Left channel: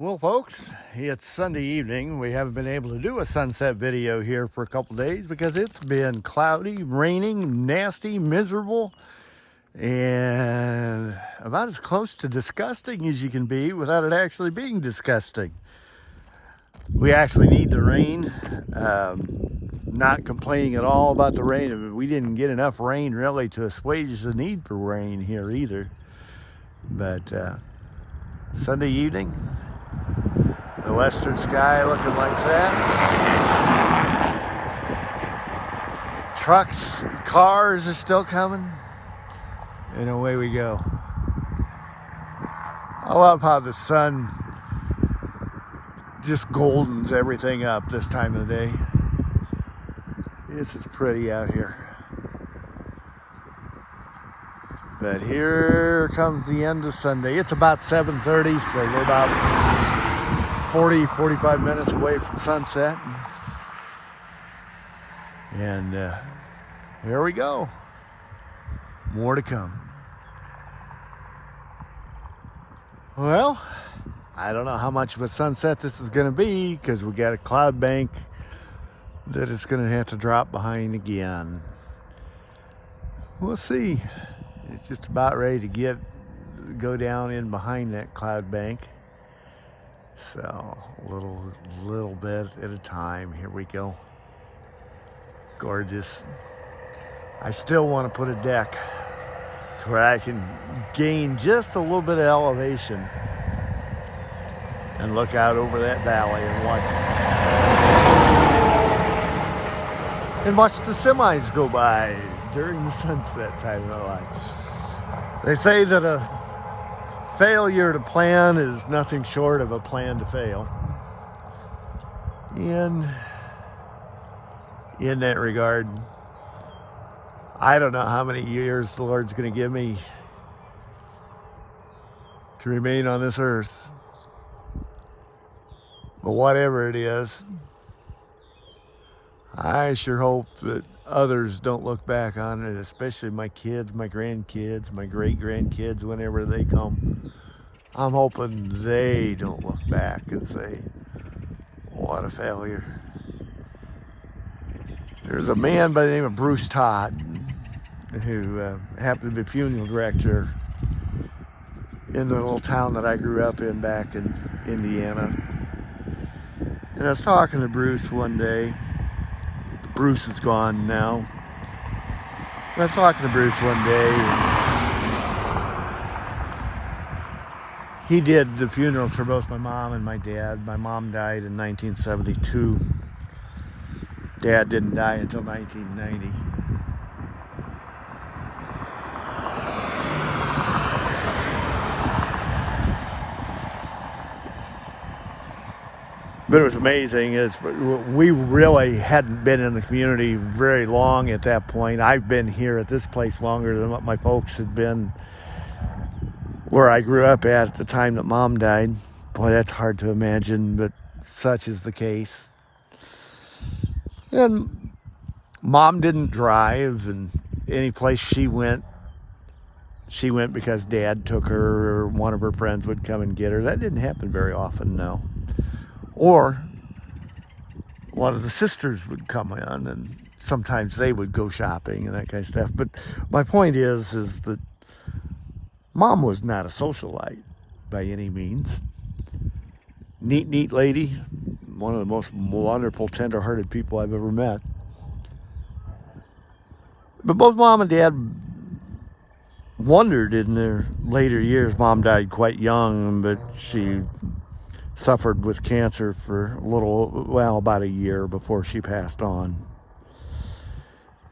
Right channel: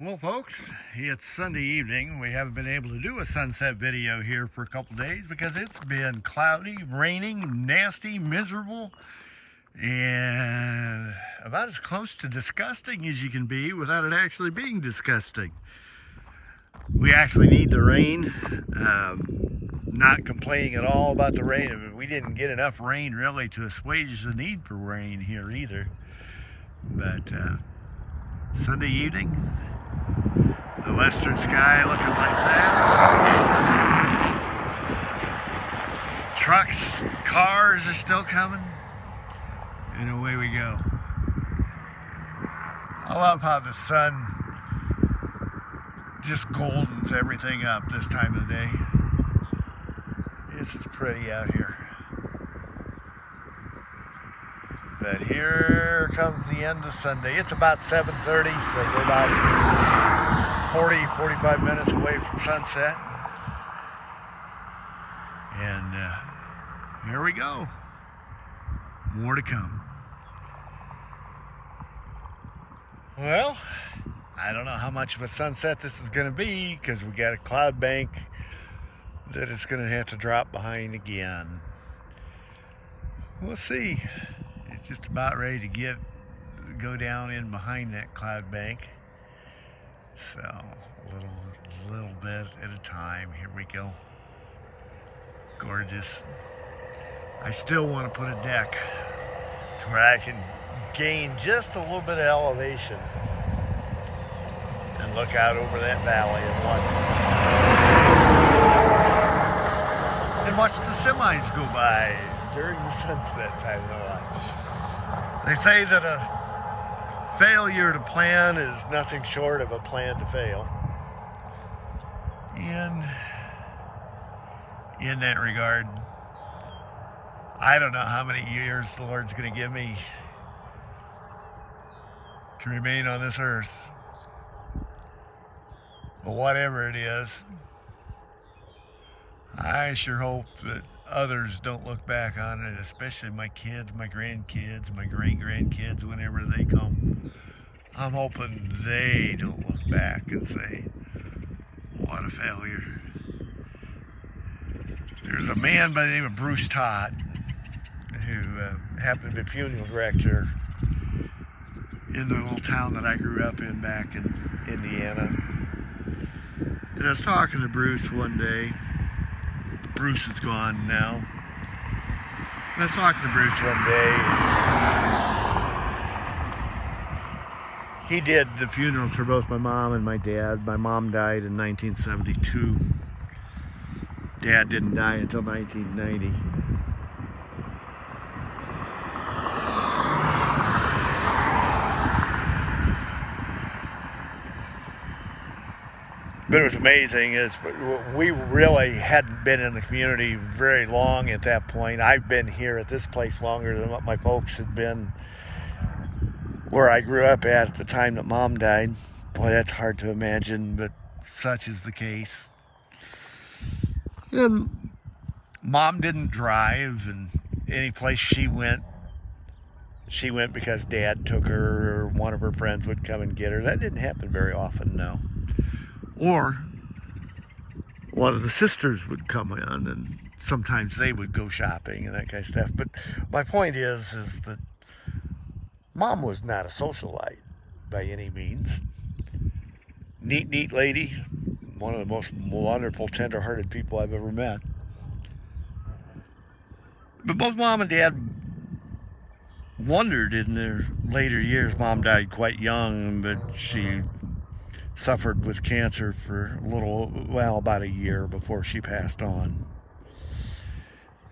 Well, folks, it's Sunday evening. We haven't been able to do a sunset video here for a couple days because it's been cloudy, raining, nasty, miserable, and about as close to disgusting as you can be without it actually being disgusting. We actually need the rain. Not complaining at all about the rain. We didn't get enough rain really to assuage the need for rain here either. But Sunday evening, the western sky looking like that. Trucks, cars are still coming, and away we go. I love how the sun just goldens everything up this time of the day. This is pretty out here. But here comes the end of Sunday. It's about 7:30, so we're about 45 minutes away from sunset. And here we go. More to come. Well, I don't know how much of a sunset this is going to be because we got a cloud bank that it's going to have to drop behind again. We'll see. It's just about ready to go down in behind that cloud bank. So a little bit at a time. Here we go. Gorgeous. I still want to put a deck to where I can gain just a little bit of elevation and look out over that valley and watch the semis go by during the sunset time of our life. They say that a failure to plan is nothing short of a plan to fail. And in that regard, I don't know how many years the Lord's going to give me to remain on this earth. But whatever it is, I sure hope that others don't look back on it, especially my kids, my grandkids, my great-grandkids, whenever they come. I'm hoping they don't look back and say, what a failure. There's a man by the name of Bruce Todd who happened to be a funeral director in the little town that I grew up in back in Indiana. And I was talking to Bruce one day. Bruce is gone now. I was talking to Bruce one day. He did the funerals for both my mom and my dad. My mom died in 1972. Dad didn't die until 1990. But it was amazing is we really hadn't been in the community very long at that point. I've been here at this place longer than what my folks had been where I grew up at the time that Mom died. Boy, that's hard to imagine, but such is the case. And Mom didn't drive, and any place she went because Dad took her or one of her friends would come and get her. That didn't happen very often, no. Or one of the sisters would come in, and sometimes they would go shopping and that kind of stuff. But my point is that Mom was not a socialite by any means. Neat lady, one of the most wonderful, tender-hearted people I've ever met. But both Mom and Dad wondered in their later years. Mom died quite young, but she suffered with cancer for about a year before she passed on.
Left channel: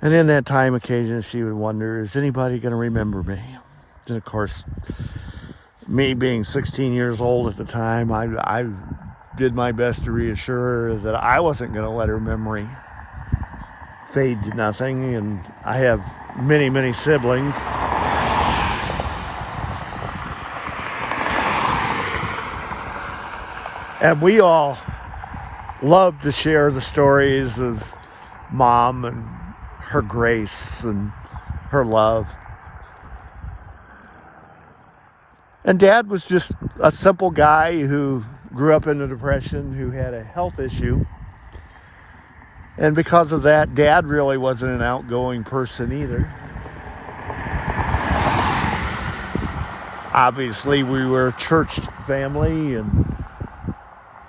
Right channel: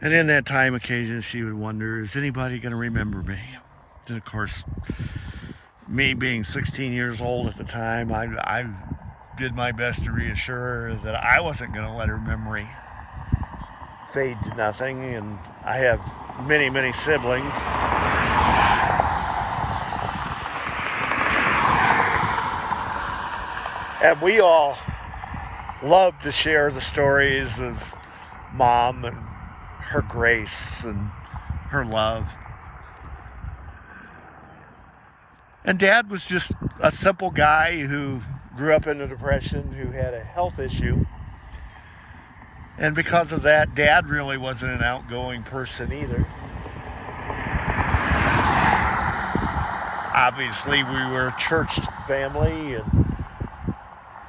And in that time, occasionally she would wonder, is anybody going to remember me? And of course, me being 16 years old at the time, I did my best to reassure her that I wasn't going to let her memory fade to nothing. And I have many siblings. And we all love to share the stories of Mom and her grace and her love. And Dad was just a simple guy who grew up in the Depression, who had a health issue. And because of that, Dad really wasn't an outgoing person either. Obviously, we were a church family,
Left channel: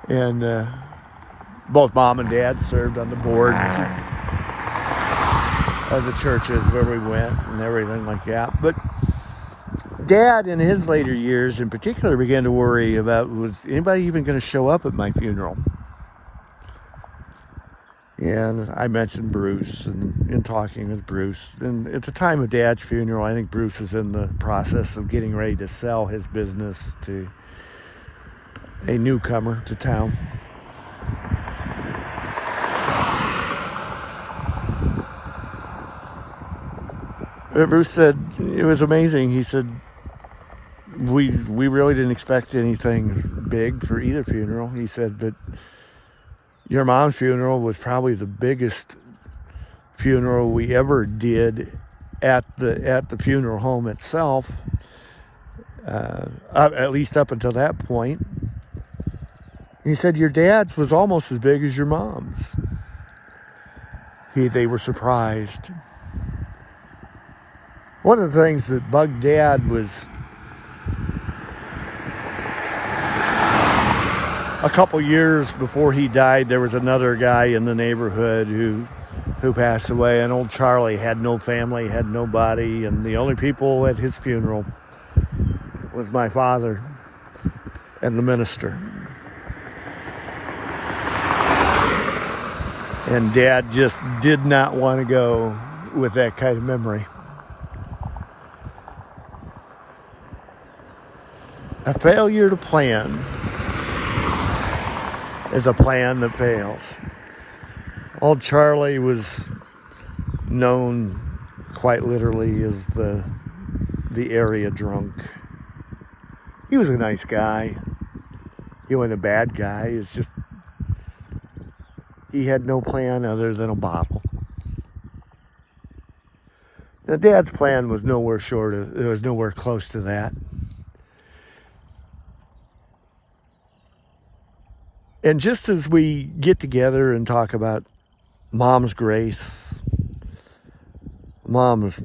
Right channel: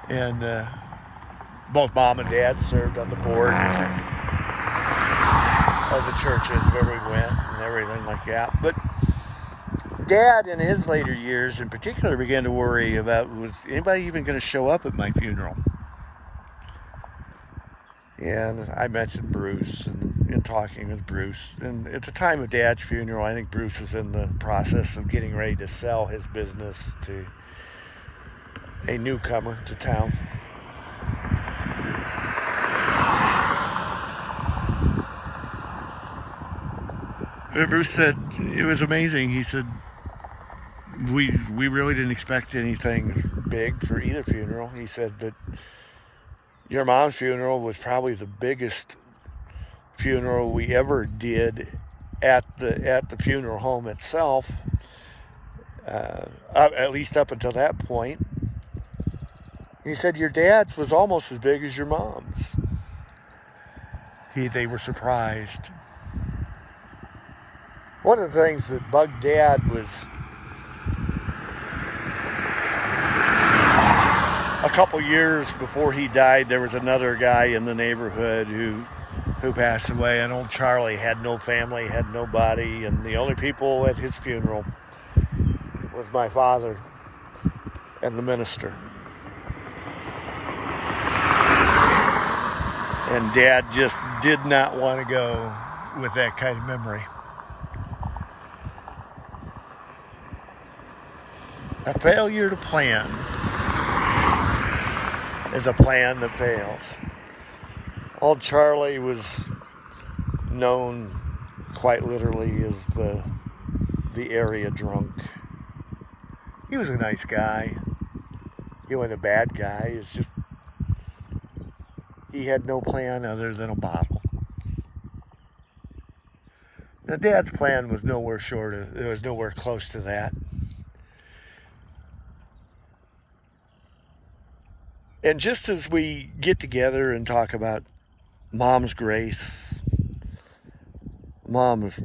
and both Mom and Dad served on the boards of the churches where we went and everything like that. But Dad, in his later years in particular, began to worry about, was anybody even going to show up at my funeral? And I mentioned Bruce and in talking with Bruce. And at the time of Dad's funeral, I think Bruce was in the process of getting ready to sell his business to a newcomer to town. Bruce said, it was amazing. He said, we really didn't expect anything big for either funeral. He said, but your mom's funeral was probably the biggest funeral we ever did at the funeral home itself, at least up until that point. He said, your dad's was almost as big as your mom's. They were surprised. One of the things that bugged Dad was a couple years before he died, there was another guy in the neighborhood who passed away, and old Charlie had no family, had nobody, and the only people at his funeral was my father and the minister. And Dad just did not want to go with that kind of memory. A failure to plan is a plan that fails. Old Charlie was known quite literally as the area drunk. He was a nice guy. He wasn't a bad guy. It's just he had no plan other than a bottle. Now, Dad's plan was nowhere close to that. And just as we get together and talk about Mom's grace, Mom's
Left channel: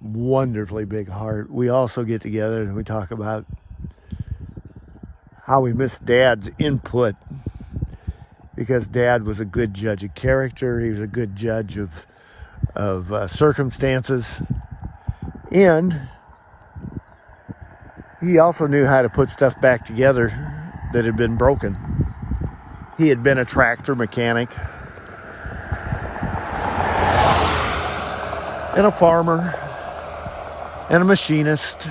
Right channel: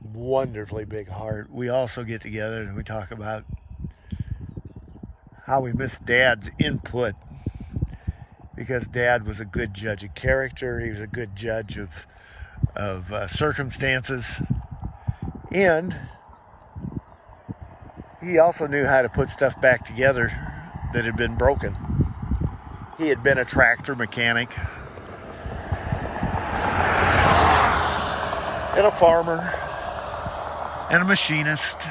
wonderfully big heart, we also get together and we talk about how we miss Dad's input, because Dad was a good judge of character. He was a good judge of circumstances, and he also knew how to put stuff back together that had been broken. He had been a tractor mechanic and a farmer and a machinist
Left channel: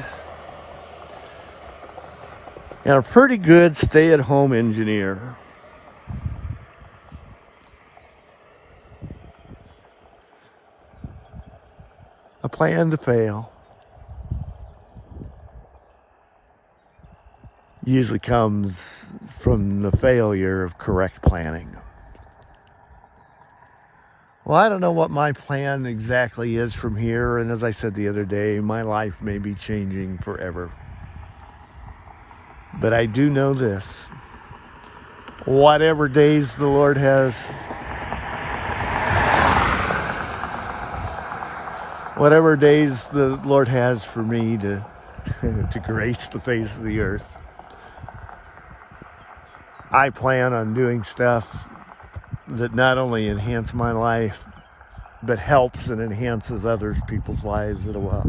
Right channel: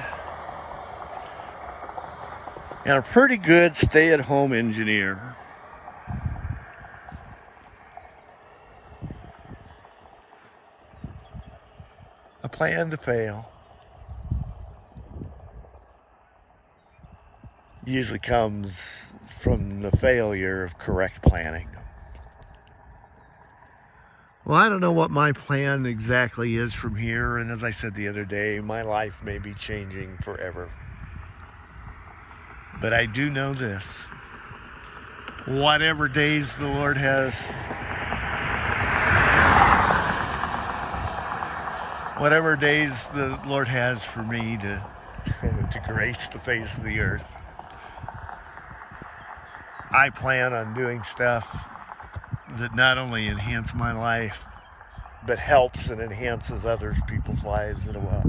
and a pretty good stay-at-home engineer. A plan to fail usually comes from the failure of correct planning. Well, I don't know what my plan exactly is from here, and as I said the other day, my life may be changing forever. But I do know this: whatever days the Lord has, whatever days the Lord has for me to grace the face of the earth, I plan on doing stuff that not only enhance my life, but helps and enhances other people's lives as well.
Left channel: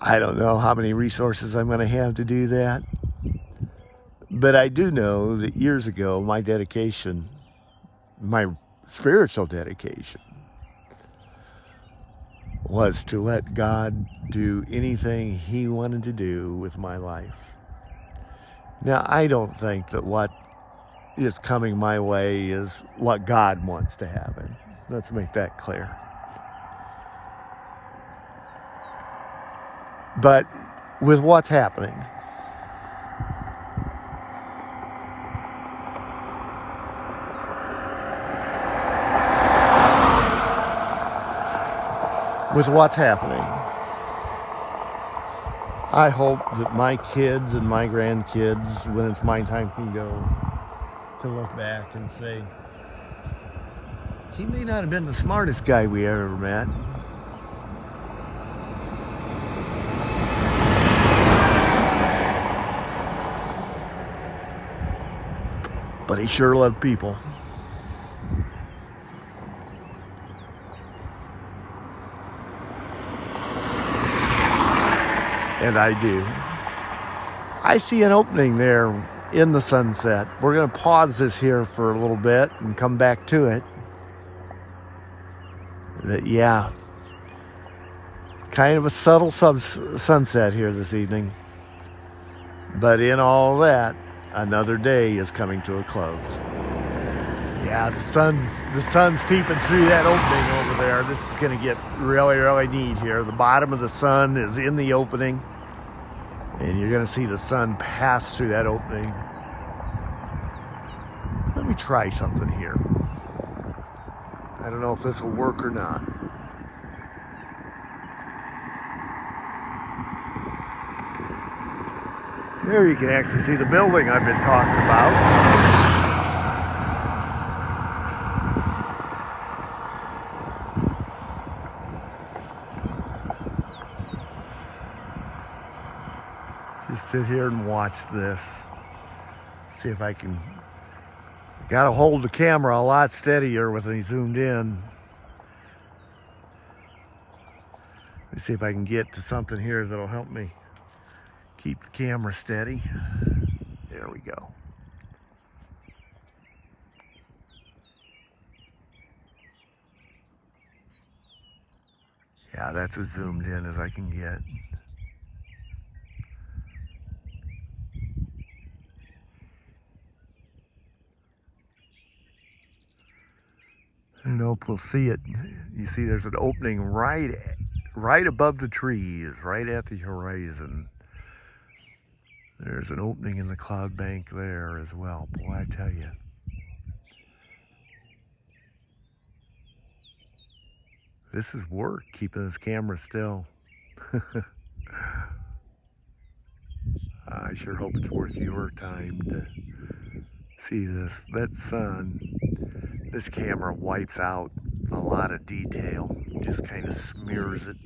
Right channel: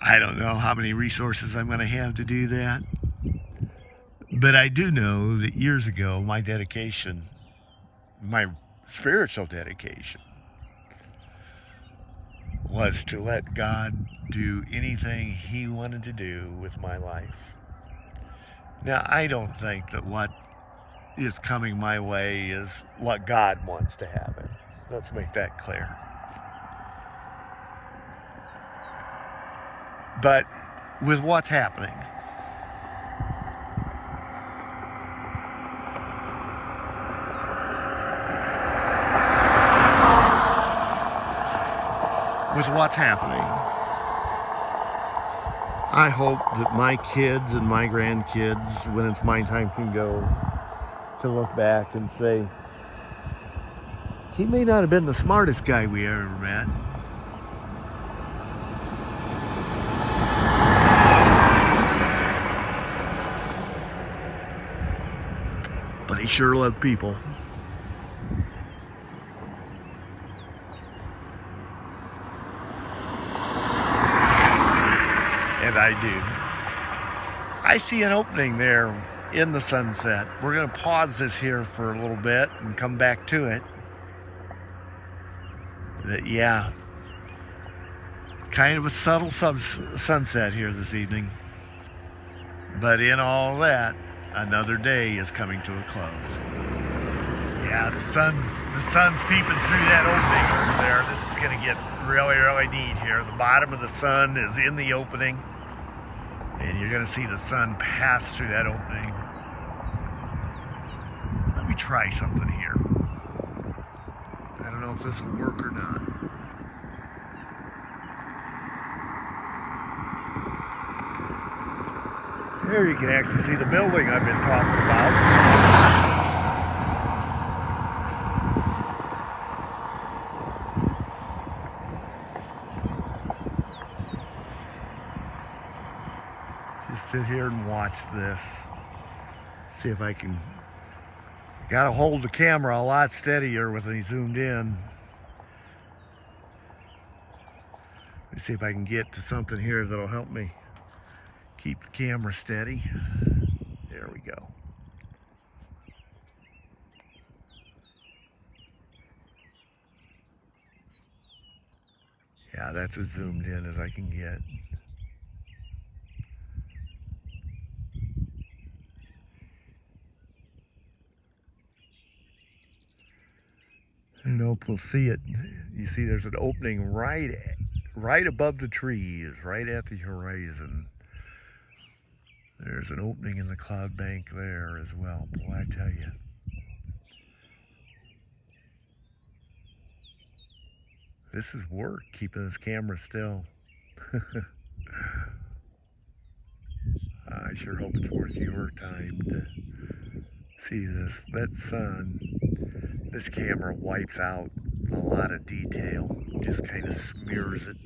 I don't know how many resources I'm going to have to do that, but I do know that years ago, my dedication, my spiritual dedication, was to let God do anything He wanted to do with my life. Now, I don't think that what is coming my way is what God wants to happen. Let's make that clear. But with what's happening, I hope that my kids and my grandkids, when it's my time, can look back and say, he may not have been the smartest guy we ever met, but he sure loved people. And I do. I see an opening there in the sunset. We're going to pause this here for a little bit and come back to it. Yeah, it's kind of a subtle sunset here this evening. But in all that, another day is coming to a close. Yeah, the sun's peeping through that opening over there. This is going to get really, really neat here. The bottom of the sun is in the opening, and you're going to see the sun pass through that opening. Let me try something here. I don't know if this will work or not. Here you can actually see the building I've been talking about. Just sit here and watch this. See if I can. Gotta hold the camera a lot steadier with me zoomed in. Let's see if I can get to something here that'll help me keep the camera steady. There we go. Yeah, that's as zoomed in as I can get. I don't know if we'll see it. You see there's an opening right above the trees, right at the horizon. There's an opening in the cloud bank there as well. Boy, I tell you. This is work, keeping this camera still. I sure hope it's worth your time to see this. That sun, this camera wipes out a lot of detail. Just kind of smears it.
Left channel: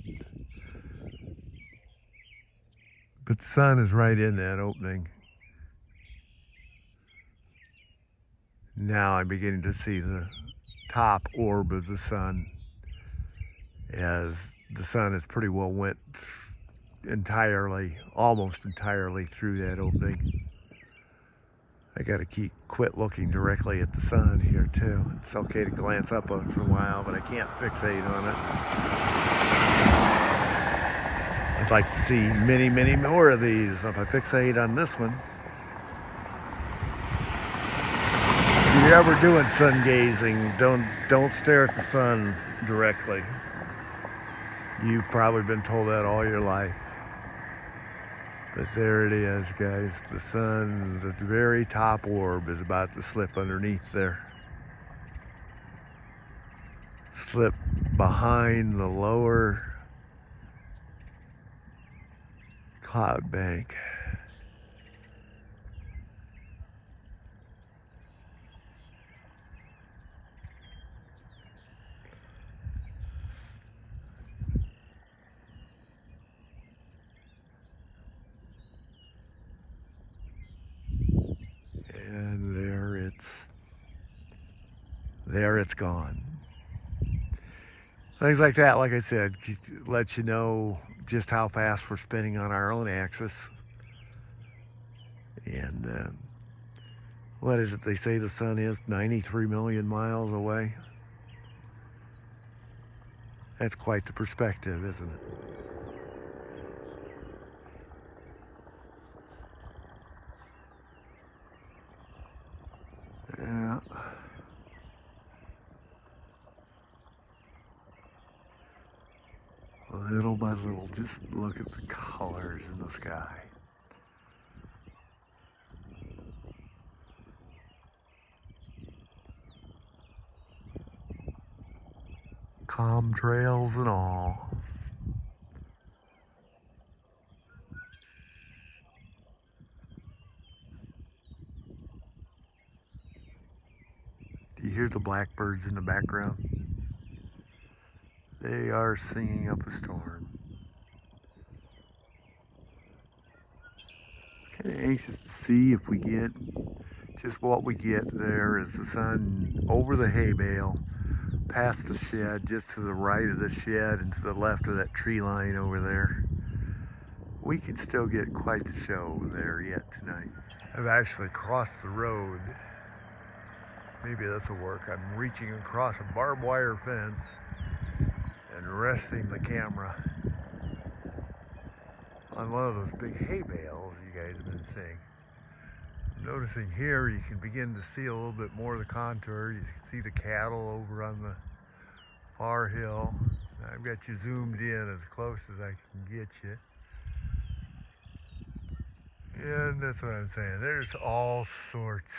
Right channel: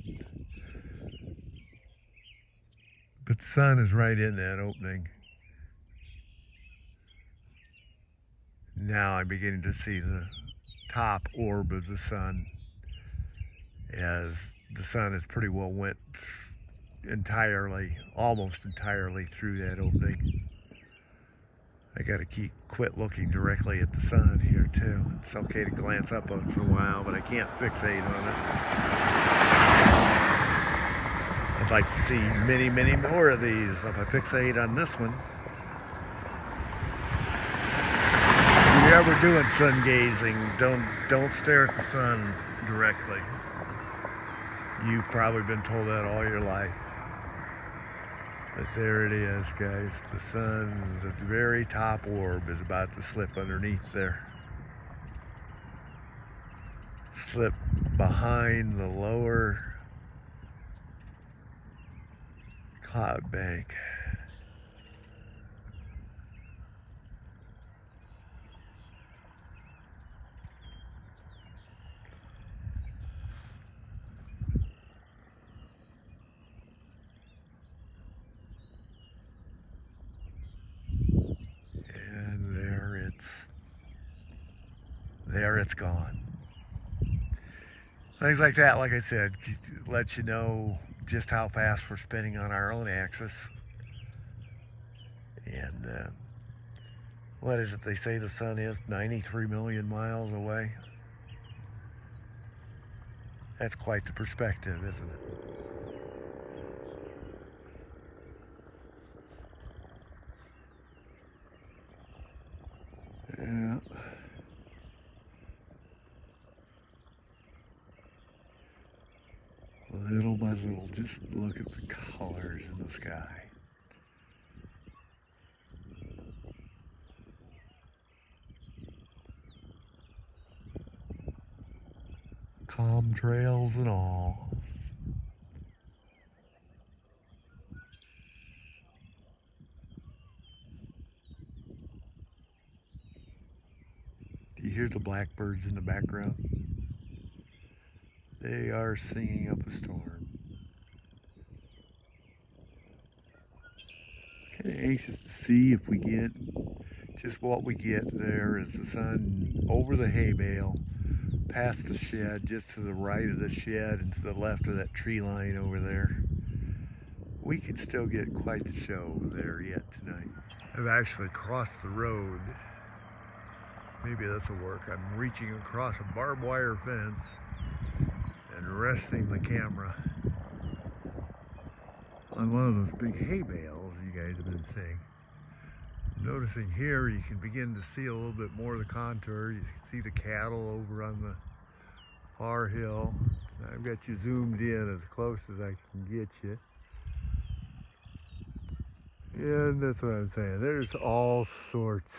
But the sun is right in that opening. Now I'm beginning to see the top orb of the sun, as the sun is pretty well went entirely, almost entirely through that opening. I gotta quit looking directly at the sun here too. It's okay to glance up once in a while, but I can't fixate on it. I'd like to see many, many more of these. If I fixate on this one. If you're ever doing sun gazing, don't stare at the sun directly. You've probably been told that all your life. But there it is, guys. The sun, the very top orb is about to slip underneath there. Slip behind the lower cloud bank. And there it's gone. Things like that, like I said, lets you know just how fast we're spinning on our own axis. And what is it they say the sun is? 93 million miles away? That's quite the perspective, isn't it? Yeah. Little by little, just look at the colors in the sky. Calm trails and all. You hear the blackbirds in the background? They are singing up a storm. Kind of anxious to see if we get just what we get there is the sun over the hay bale, past the shed, just to the right of the shed and to the left of that tree line over there. We could still get quite the show there yet tonight. I've actually crossed the road. Maybe this will work. I'm reaching across a barbed wire fence and resting the camera on one of those big hay bales you guys have been seeing. Noticing here you can begin to see a little bit more of the contour. You can see the cattle over on the far hill. I've got you zoomed in as close as I can get you. And that's what I'm saying. There's all sorts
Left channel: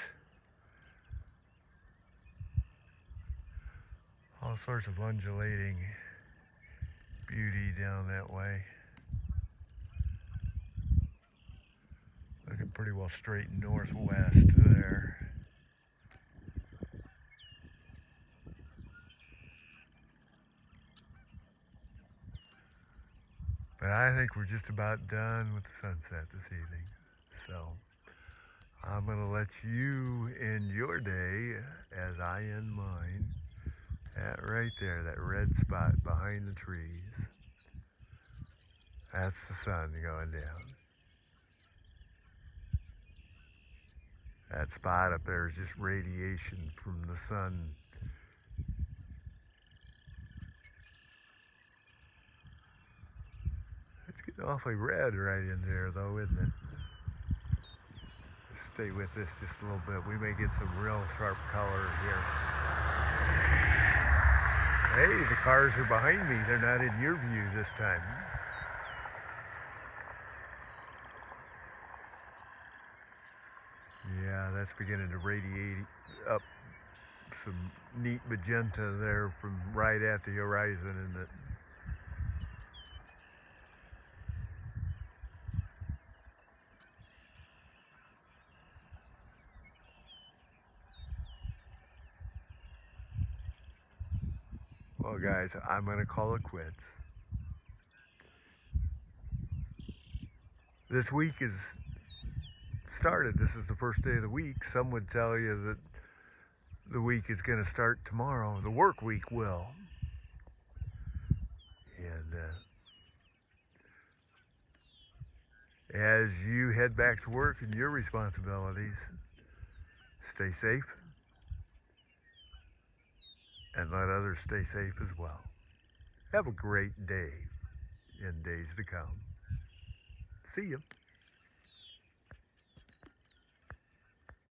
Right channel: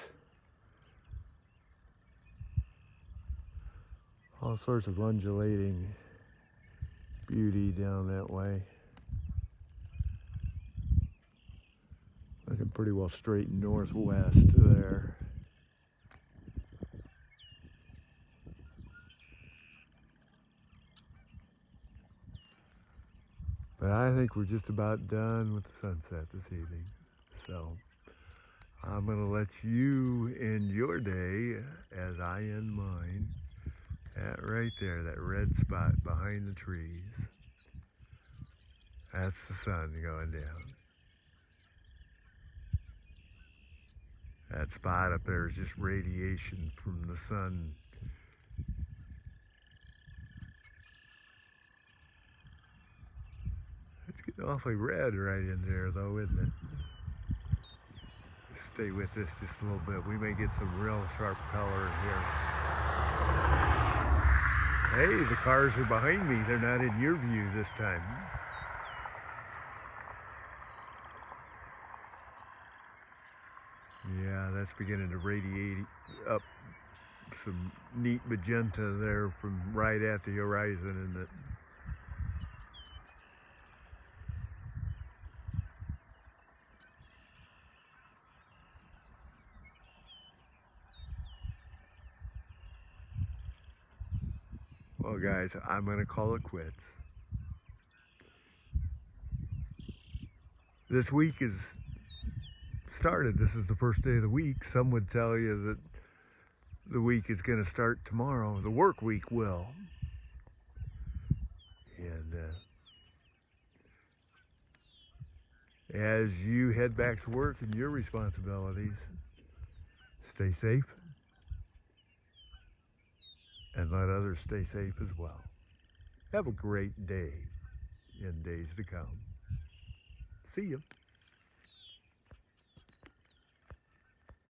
of undulating beauty down that way. Looking pretty well straight northwest there. But I think we're just about done with the sunset this evening. So I'm going to let you end your day as I end mine. That right there, that red spot behind the trees. That's the sun going down. That spot up there is just radiation from the sun. It's getting awfully red right in there though, isn't it? Stay with this just a little bit. We may get some real sharp color here. Hey, the cars are behind me. They're not in your view this time. Yeah, that's beginning to radiate up some neat magenta there from right at the horizon, isn't it? Well, guys, I'm going to call it quits. This week is started. This is the first day of the week. Some would tell you that the week is going to start tomorrow. The work week will. And as you head back to work and your responsibilities, stay safe and let others stay safe as well. Have a great day in days to come. See you.